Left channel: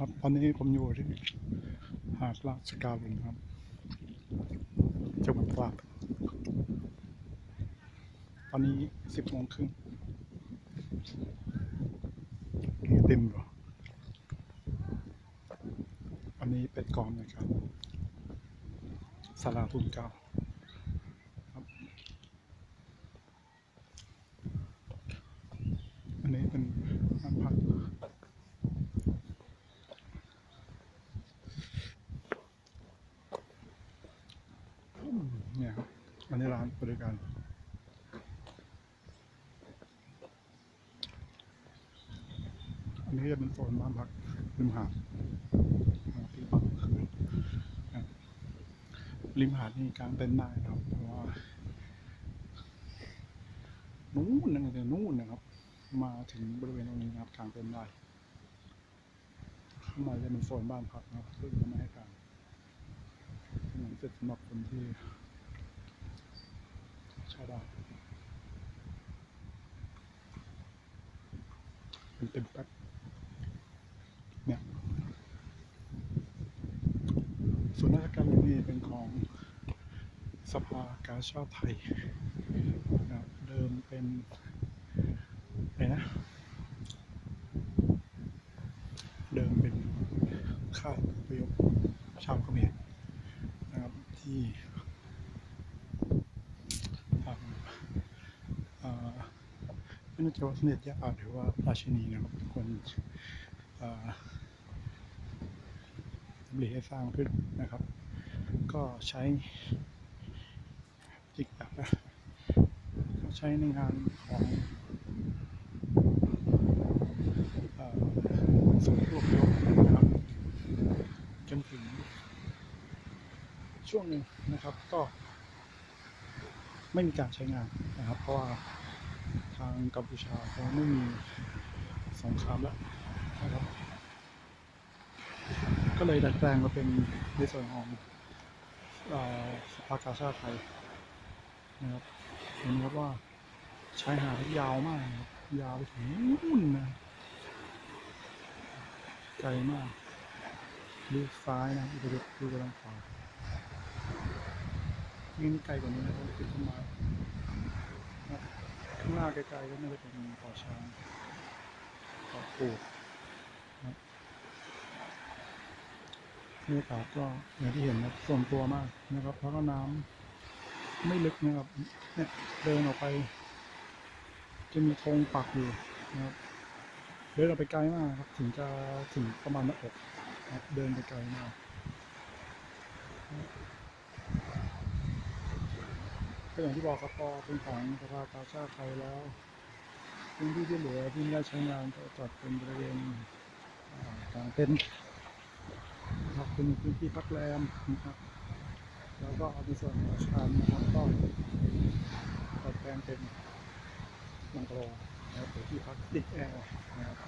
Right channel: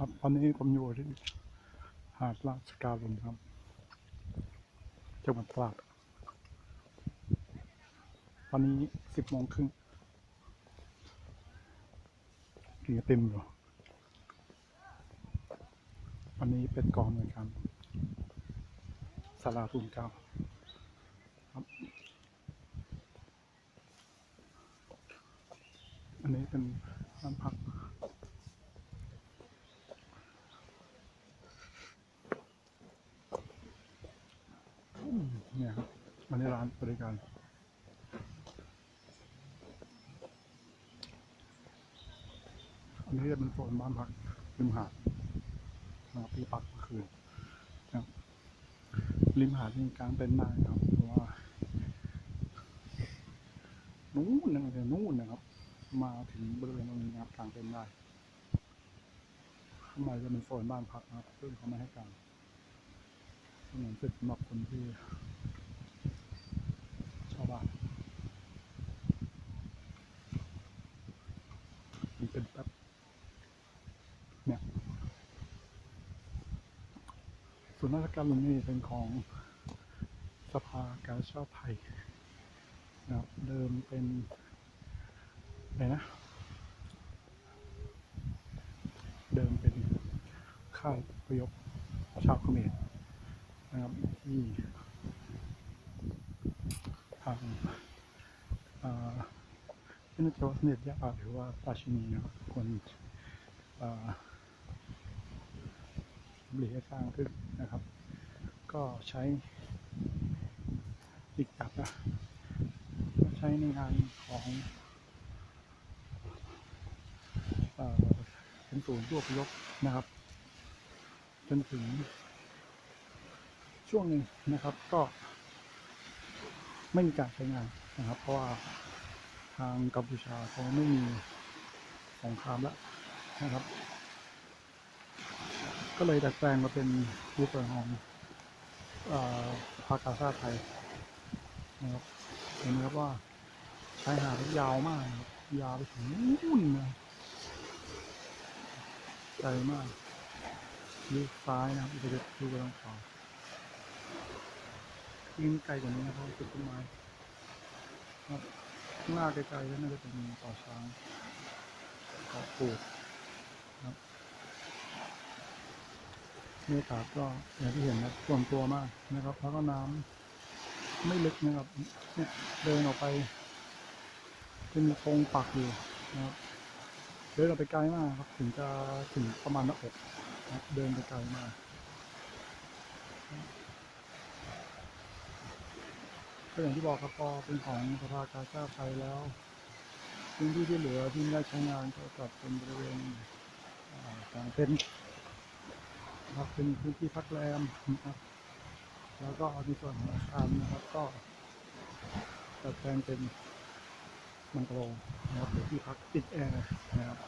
ครับตอนนี้ผมอยู่ที่หาดลาสกาลุนครับจังหวัดตราดตอนนี้สิบโมงครึ่งนี่เต็มอยู่วันนี้เป็นกองในวยการสาราทุนเก้าครับ อันนี้เป็นบ้านพัก อืมเนี่ย ครับอันนี้ร้านบริการอันนี้จะเป็นโซนบ้านพักริมหาดนะครับที่พักคืนนะครับริมหาดนี่กลางเต็นท์ได้นะครับเพราะว่านู่นนั่นเลยนู่นนะครับ มาถึงบริเวณตรงนี้นะครับกลางเต็นท์ได้ข้างในจะเป็นโซนบ้านพักนะครับซึ่งเขาไม่ให้กลางเหมือนเป็นสำหรับคนที่าวบ้านเป็นเป็นแป๊บเนี่ยส่วนราชการเรยนนี่เป็นของสภากาชาติไทยนะครับเดิมเป็นอะไรนะ เดิมเป็นค่ายอพยพชาวเขมรนะครับที่างเอ่อไม่น่ใจว่าสมเด็จย่าหรือว่าราชินีนะครับคนเอ่อหลีให้สร้างขึ้นนะครับ ก็ใช้จิกจับนะก็ใช้ในงานของศูนย์รวบยกนะครับ จนถึงช่วงหนึ่งนะครับก็ ไม่มีการใช้งานนะครับ เพราะว่าทางกัมพูชาเขาไม่มีสงครามแล้วนะครับ ก็เลยดัดแปลงมาเป็นในส่วนของอภากาชาติไทยนะครับเห็นไหมครับว่าชายหาดยาวมากครับยาวไปถึงนู่นนะไกลมากดูซ้ายนะครับดูดูไปทางขวา ยิ่งไกลกว่านี้นะเพราะว่าเป็นต้นไม้ครับข้างหน้าไกลๆก็น่าจะเป็นเกาะช้างเกาะปูดครับบรรยากาศก็อย่างที่เห็นนะส่วนตัวมากนะครับแล้วก็น้ำไม่ลึกนะครับ เนี่ยเดินออกไป จะมีธงปักอยู่นะครับเดินออกไปไกลมากครับ ถึงจะถึงประมาณหน้าอกนะเดินไปไกลมาก ก็อย่างที่บอกครับพอเป็นของสภากาชาติไทยแล้วพื้นที่ที่เหลือที่ไม่ได้ใช้งานก็จัดเป็นบริเวณอ่ากลางเต็นท์ครับเป็นพื้นที่พักแรมนะครับ แล้วก็ในส่วนของอาคารนะครับก็จัดแปลงเป็นบังกะโลนะครับเป็นที่พักติดแอร์นะครับ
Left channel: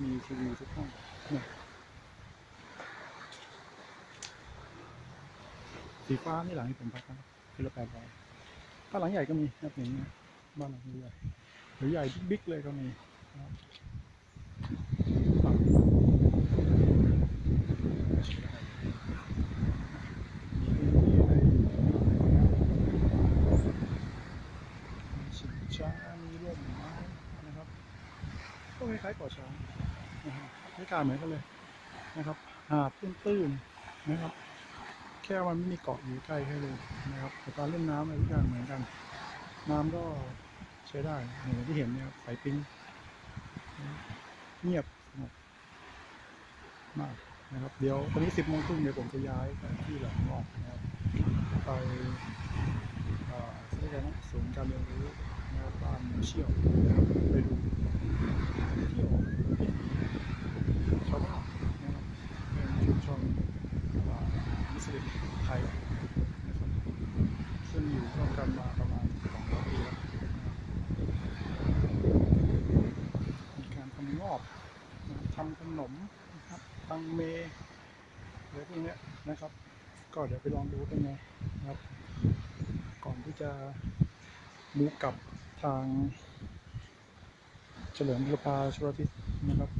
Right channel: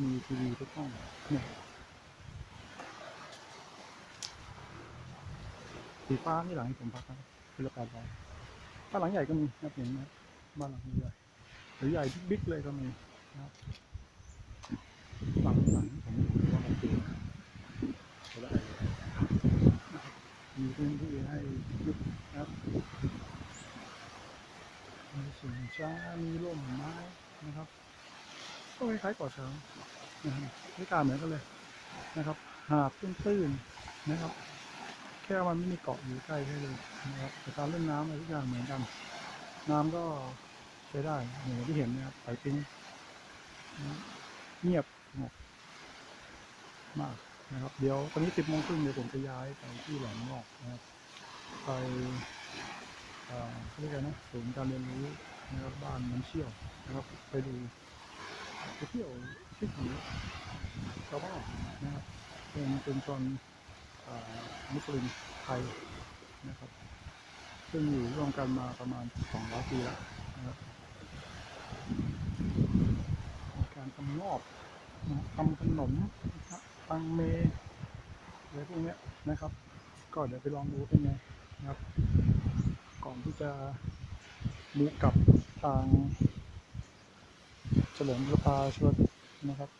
มีทีวีทุกห้องเนี่ยสีฟ้านี่หลังที่ผมพักนะคือละแปดร้อย บ้านหลังใหญ่ก็มีนะครับอย่างนี้ยบ้านหลังใหญ่หรือใหญ่บิ๊กเลยก็มีนะครับหลังหลังใช้ได้เลยมีพื้นที่ให้นะครับมีชิงช้ามีร่มไม้นะครับก็คล้ายๆกาะช้างนะครับบรรยากาศเหมือนกันเลยนะครับ หาดตื้นๆนะครับ แค่มันไม่มีเกาะอยู่ใกล้แค่เลยนะครับแต่การเล่นน้ำอะไรทุกอย่างเหมือนกัน น้ำก็ใช้ได้อย่างที่เห็นเนี่ยครับไปปิ้งเงียบสงบมากนะครับ เดี๋ยวตอนนี้สิบโมงครึ่งเดี๋ยวผมจะย้ายไปที่แหลมงอกนะครับ ไปอ่าเรียกกันนะศูนย์การเรียนรู้นะครับบ้านน้ำเชี่ยวนะครับไปดูไปเที่ยวที่ถีชาวบ้านนะครับ เป็นชุมชน อ่า มุสลิมไทยนะครับ ซึ่งอยู่ร่วมกันมาประมาณ 200 ปีแล้วนะครับมีการทำงอบนะทำขนมนะครับตังเมอะไรพวกนี้นะครับ ก็เดี๋ยวไปลองดูเป็นไงนะครับ ก่อนที่จะมูกลับทางเฉลิมพระพาชลทิศนะครับ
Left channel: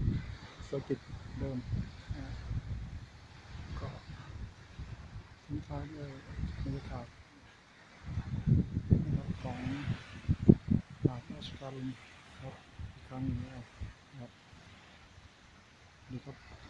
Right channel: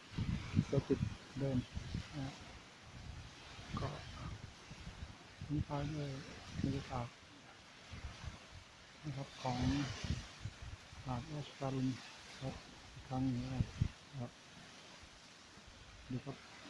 เซอร์กิตเดิม นะก็ ทิ้งท้ายด้วยบรรยากาศนะครับของหาดราชการุณครับอีกครั้งหนึงแล้นะครับดีครับ